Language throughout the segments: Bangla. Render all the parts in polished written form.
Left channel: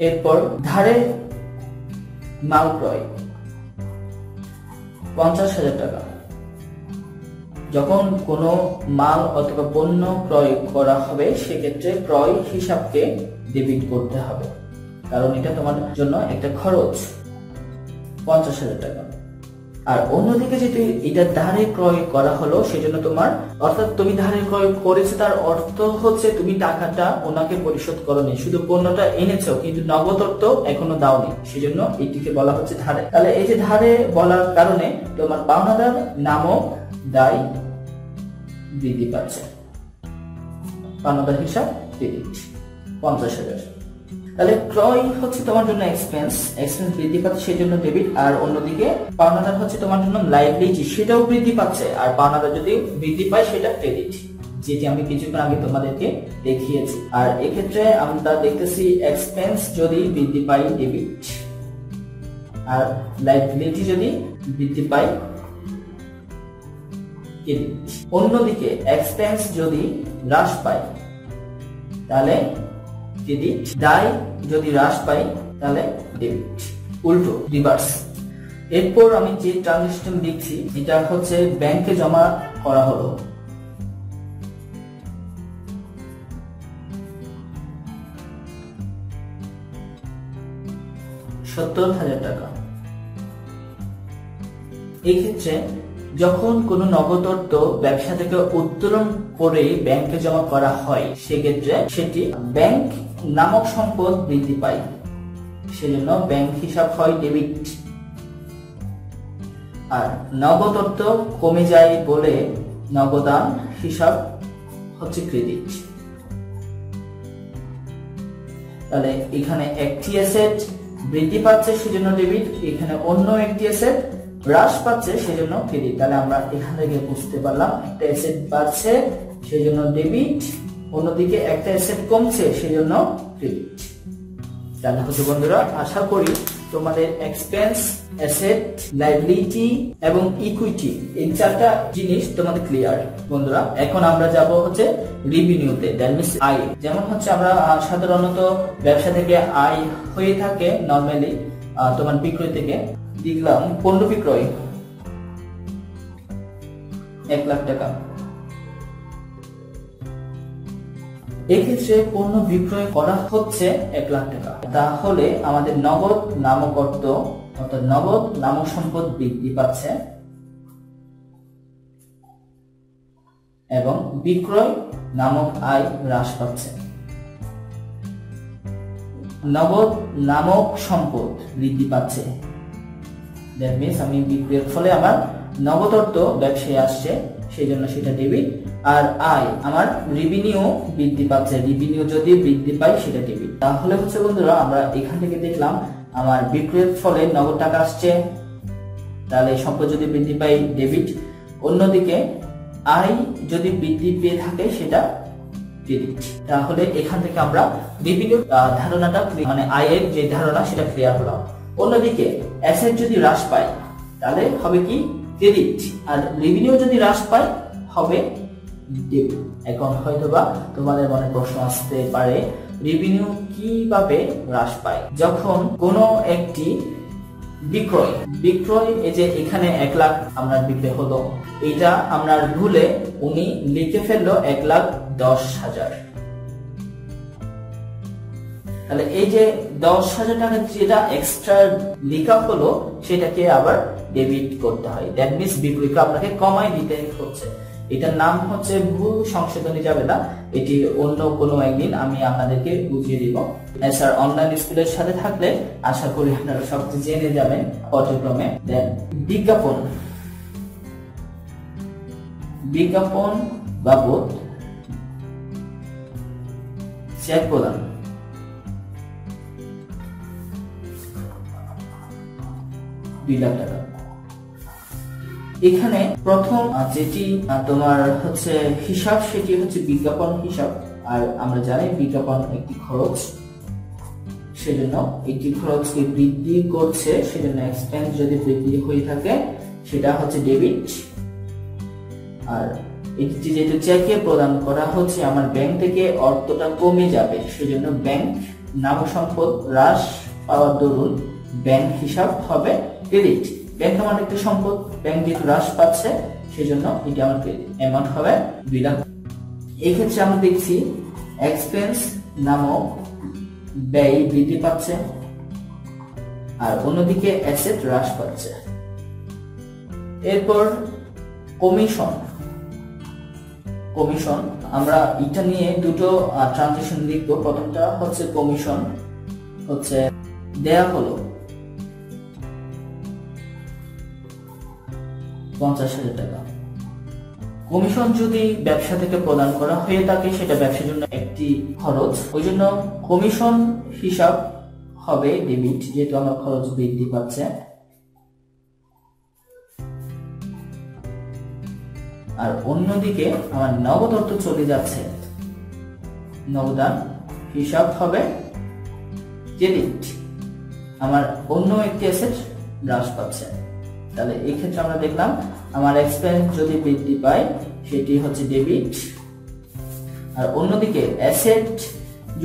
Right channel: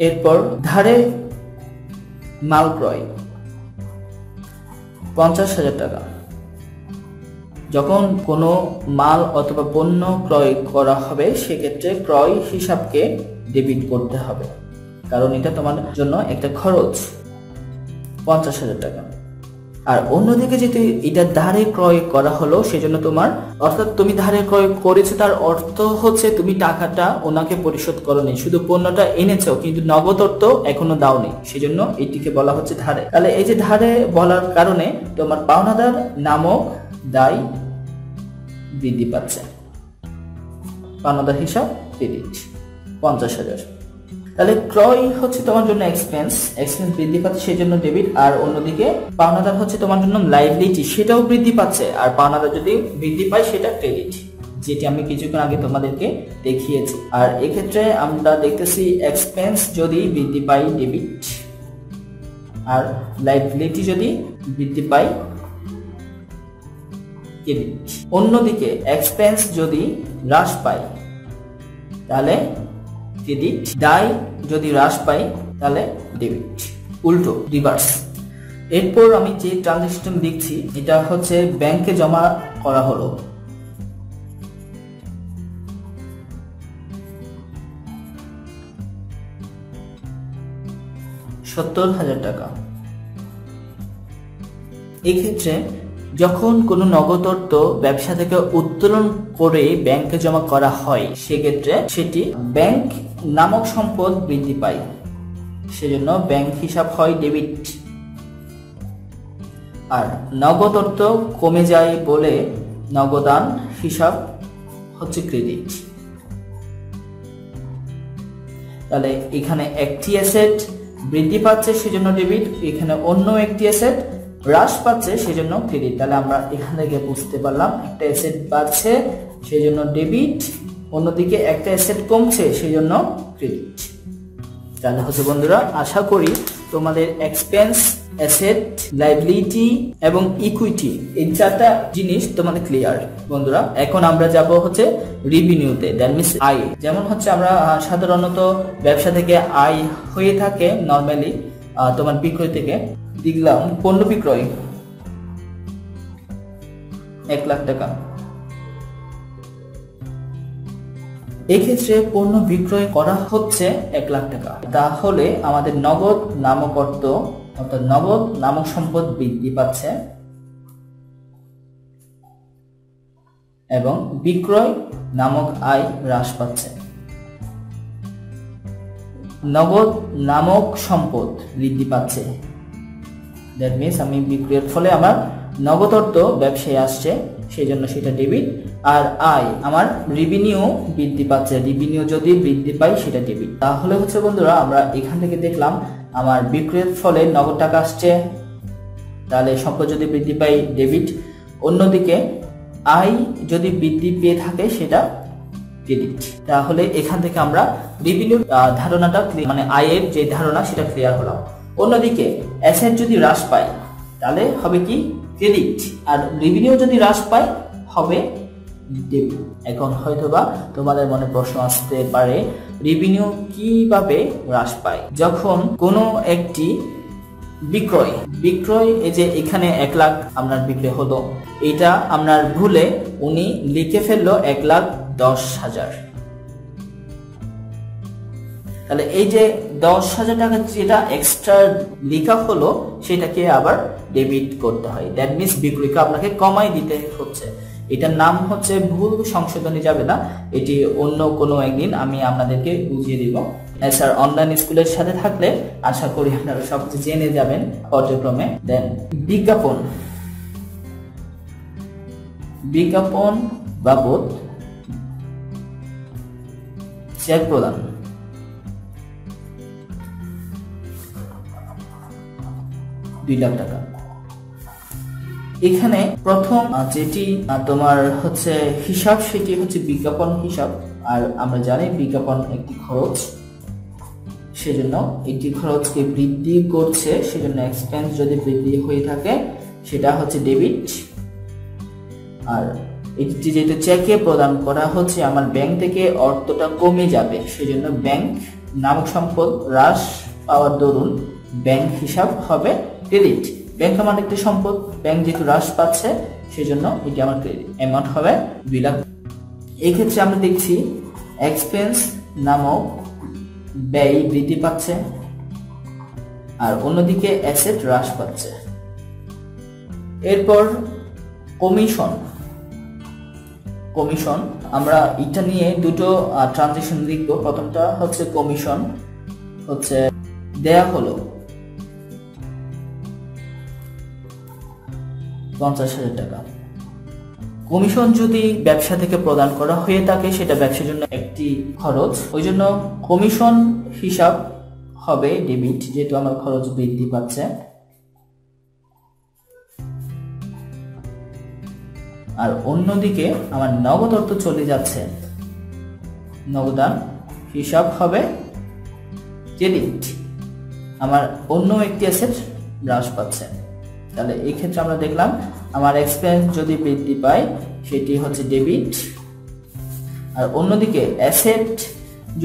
এরপর ধারে মাল ক্রয় 50,000 টাকা। যখন কোনো মাল অথবা পণ্য ক্রয় করা হবে সেক্ষেত্রে ক্রয় হিসাবকে ডেবিট করতে হবে, কারণ এটা তোমার জন্য একটা খরচ 50,000 টাকা। আর অন্যদিকে যেহেতু এটা ধারে ক্রয় করা হলো সেজন্য তোমার, অর্থাৎ তুমি ধারে ক্রয় করেছো তার অর্থ হচ্ছে তুমি টাকাটা ওনাকে পরিশোধ করোনি, শুধু পণ্যটা এনেছো কিন্তু নগদ অর্থ এখনো দাওনি, সেজন্য এটিকে বলা হচ্ছে ধারে। তাহলে এই যে ধারে বলার কারণে তোমার পাওনাদার নামক দায় বৃদ্ধি পাচ্ছে, পাওনাদার হিসাব ক্রেডিট 50,000। তাহলে ক্রয় হচ্ছে তোমার জন্য এক্সপেন্স বৃদ্ধি পাচ্ছে সেজন্য ডেবিট, আর অন্যদিকে পাওনাদার হচ্ছে তোমার জন্য লাইবিলিটি, সেটাও বৃদ্ধি পাচ্ছে, আর পাওনাদার যদি বৃদ্ধি পায় সেটা ক্রেডিট, যেটি আমি কিছুক্ষণ আগে তোমাদেরকে দেখিয়েছি। আর এক্ষেত্রে আমরা দেখতেছি এক্সপেন্স যদি বৃদ্ধি পায় ডেবিট, আর লাইবিলিটি যদি বৃদ্ধি পায় ক্রেডিট। অন্যদিকে এক্সপেন্স যদি হ্রাস পায় তাহলে ক্রেডিট, দায় যদি হ্রাস পায় তাহলে ডেবিট, উল্টো রিভার্স। এরপর আমি যে ট্রানজাকশন দেখছি এটা হচ্ছে ব্যাংকে জমা করা হলো 70,000 টাকা। এক্ষেত্রে যখন কোনো নগদ অর্থ ব্যবসা থেকে উত্তোলন করে ব্যাংকে জমা করা হয় সেক্ষেত্রে সেটি ব্যাংক নামক সম্পদ বৃদ্ধি পায়, সেজন্য ব্যাংক হিসাব হয় ডেবিট। আর নগদ অর্থ কমে যায় বলে নগদান হিসাব হচ্ছে ক্রেডিট। তাহলে এখানে একটি অ্যাসেট বৃদ্ধি পাচ্ছে সেজন্য ডেবিট, এখানে অন্য একটি অ্যাসেট হ্রাস পাচ্ছে সেজন্য ক্রেডিট। তাহলে আমরা এখান থেকে বুঝতে পারলাম একটা অ্যাসেট বাড়ছে সেজন্য ডেবিট, অন্যদিকে একটা অ্যাসেট কমছে সেজন্য ক্রেডিট। তাহলে হচ্ছে বন্ধুরা, আশা করি তোমাদের এক্সপেন্স, অ্যাসেট, লাইবিলিটি এবং ইকুইটি এই চারটা জিনিস তোমাদের ক্লিয়ার। বন্ধুরা এখন আমরা যাব হচ্ছে রেভিনিউতে, দ্যাট মিন্স আয়। যেমন হচ্ছে আমরা সাধারণত ব্যবসা থেকে আয় হয়ে থাকে নরমালি তোমার বিক্রয় থেকে। দেখলাম পণ্য বিক্রয় 1 লাখ টাকা, এক্ষেত্রে পণ্য বিক্রয় করা হচ্ছে 1 লাখ টাকা। তাহলে আমাদের নগদ নামক অর্থ অর্থাৎ নগদ নামক সম্পদ বৃদ্ধি পাচ্ছে এবং বিক্রয় নামক আয় হ্রাস পাচ্ছে। নগদ নামক সম্পদ বৃদ্ধি পাচ্ছে, দ্যাট মিন্স আমি বিক্রয়ের ফলে আমার নগদ অর্থ ব্যবসায় আসছে সেই জন্য সেটা ডেবিট। আর আয় আমার রেভিনিউ বৃদ্ধি পাচ্ছে, রেভিনিউ যদি বৃদ্ধি পায় সেটা ডেবিট। তাহলে হচ্ছে বন্ধুরা আমরা এখান থেকে দেখলাম আমার বিক্রয়ের ফলে নগদ টাকা আসছে, তাহলে সম্পদ যদি বৃদ্ধি পায় ডেবিট। অন্যদিকে আয় যদি বৃদ্ধি পেয়ে থাকে সেটা ক্রেডিট। তাহলে এখান থেকে আমরা রেভিনিউ ধারণাটা মানে আয়ের যে ধারণা সেটা ক্লিয়ার হলো। অন্যদিকে অ্যাসেট যদি হ্রাস পায় তাহলে হবে কি ক্রেডিট, আর রেভিনিউ যদি হ্রাস পায় হবে ডেবিট। এখন হয়তোবা তোমাদের মনে প্রশ্ন আসতে পারে রেভিনিউ কিভাবে হ্রাস পায়? যখন কোনো একটি বিক্রয় এই যে এখানে 1 লাখ আপনার বিক্রি হলো, এটা আপনার ভুলে উনি লিখে ফেললো 1,10,000। তাহলে এই যে 10,000 টাকা যেটা এক্সট্রা লেখা হলো সেটাকে আবার ডেবিট করতে হয়, দ্যাট মিন্স বিক্রয়কে আপনাকে কমাই দিতে হচ্ছে। এটার নাম হচ্ছে ভুল সংশোধনী যাবে না, এটি অন্য কোনো একদিন আমি আপনাদেরকে বুঝিয়ে দিব। স্যার অনলাইন স্কুলের সাথে থাকলে আশা করি আপনারা সবকিছু জেনে যাবেন পর্যায়ক্রমে। দেন বিজ্ঞাপন বাবদ চেক প্রদান, লাখ টাকা। এখানে প্রথম যেটি তোমার হচ্ছে হিসাব সেটি হচ্ছে বিজ্ঞাপন হিসাব, আর আমরা জানি বিজ্ঞাপন একটি খরচ, সেজন্য একটি খরচকে বৃদ্ধি করছে, সেজন্য এক্সপেন্স যদি বৃদ্ধি হয়ে থাকে সেটা হচ্ছে ডেবিট। আর এটি যেহেতু চেকে প্রদান করা হচ্ছে আমার ব্যাংক থেকে অর্থটা কমে যাবে সেজন্য ব্যাংক নামক সম্পদ হ্রাস পাওয়ার দরুন ব্যাংক হিসাব হবে ক্রেডিট। ব্যাংক আমার একটা সম্পদ, ব্যাংক যেহেতু হ্রাস পাচ্ছে সেজন্য এটি আমার অ্যামাউন্ট হবে 2 লাখ। এই ক্ষেত্রে আমরা দেখছি এক্সপেন্স নামক ব্যয় বৃদ্ধি পাচ্ছে আর অন্যদিকে অ্যাসেট হ্রাস পাচ্ছে। এরপর কমিশন। কমিশন আমরা এটা নিয়ে দুটো ট্রানজাকশন লিখবো। প্রথমটা হচ্ছে কমিশন হচ্ছে দেয়া হলো 50,000 টাকা। কমিশন যদি ব্যবসা থেকে প্রদান করা হয়ে থাকে সেটা ব্যবসার জন্য একটি খরচ, ওই জন্য কমিশন হিসাব হবে ডেবিট, যেহেতু আমার খরচ বৃদ্ধি পাচ্ছে। আর অন্যদিকে আমার নগদ অর্থ চলে যাচ্ছে, নগদান হিসাব হবে ক্রেডিট, আমার অন্য একটি অ্যাসেট হ্রাস পাচ্ছে। তাহলে এই ক্ষেত্রে আমরা দেখলাম আমার এক্সপেন্স যদি বৃদ্ধি পায় সেটি হচ্ছে ডেবিট, আর অন্যদিকে অ্যাসেট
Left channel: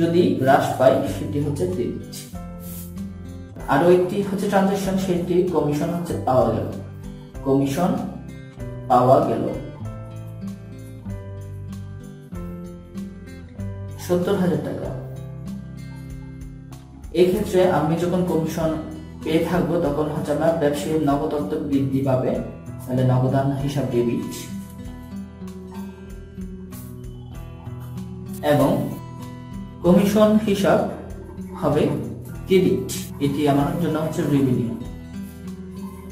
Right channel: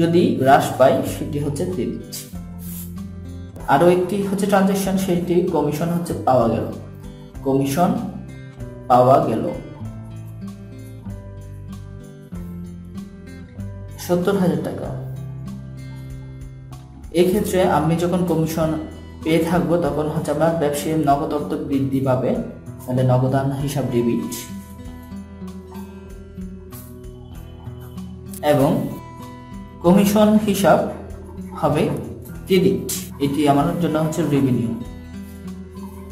যদি হ্রাস পায় সেটি হচ্ছে ক্রেডিট। আরো একটি হচ্ছে ট্রানজাকশন, সেটি কমিশন হচ্ছে পাওয়া গেল। কমিশন পাওয়া গেল 70,000 টাকা। এই ক্ষেত্রে আমি যখন কমিশন পেয়ে থাকবো তখন হচ্ছে আমার ব্যবসায়ীর নগদ অর্থ বৃদ্ধি পাবে, তাহলে নগদান হিসাব ডেবিট এবং কমিশন হিসাব হবে ক্রেডিট। এটি আমার জন্য হচ্ছে রেভিনিউ।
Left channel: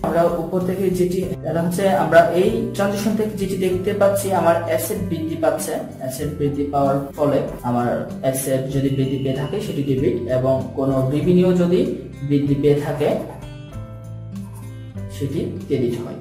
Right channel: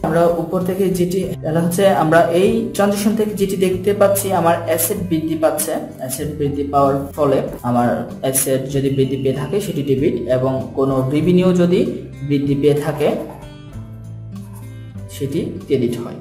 আমরা উপর থেকে যেটি হচ্ছে আমরা এই ট্রানজাকশন থেকে যেটি দেখতে পাচ্ছি আমার অ্যাসেট বৃদ্ধি পাচ্ছে। অ্যাসেট বৃদ্ধি পাওয়ার ফলে আমার অ্যাসেট যদি বৃদ্ধি পেয়ে থাকে সেটি ডেবিট এবং কোনো রেভিনিউ যদি বৃদ্ধি পেয়ে থাকে সেটি ক্রেডিট হয়।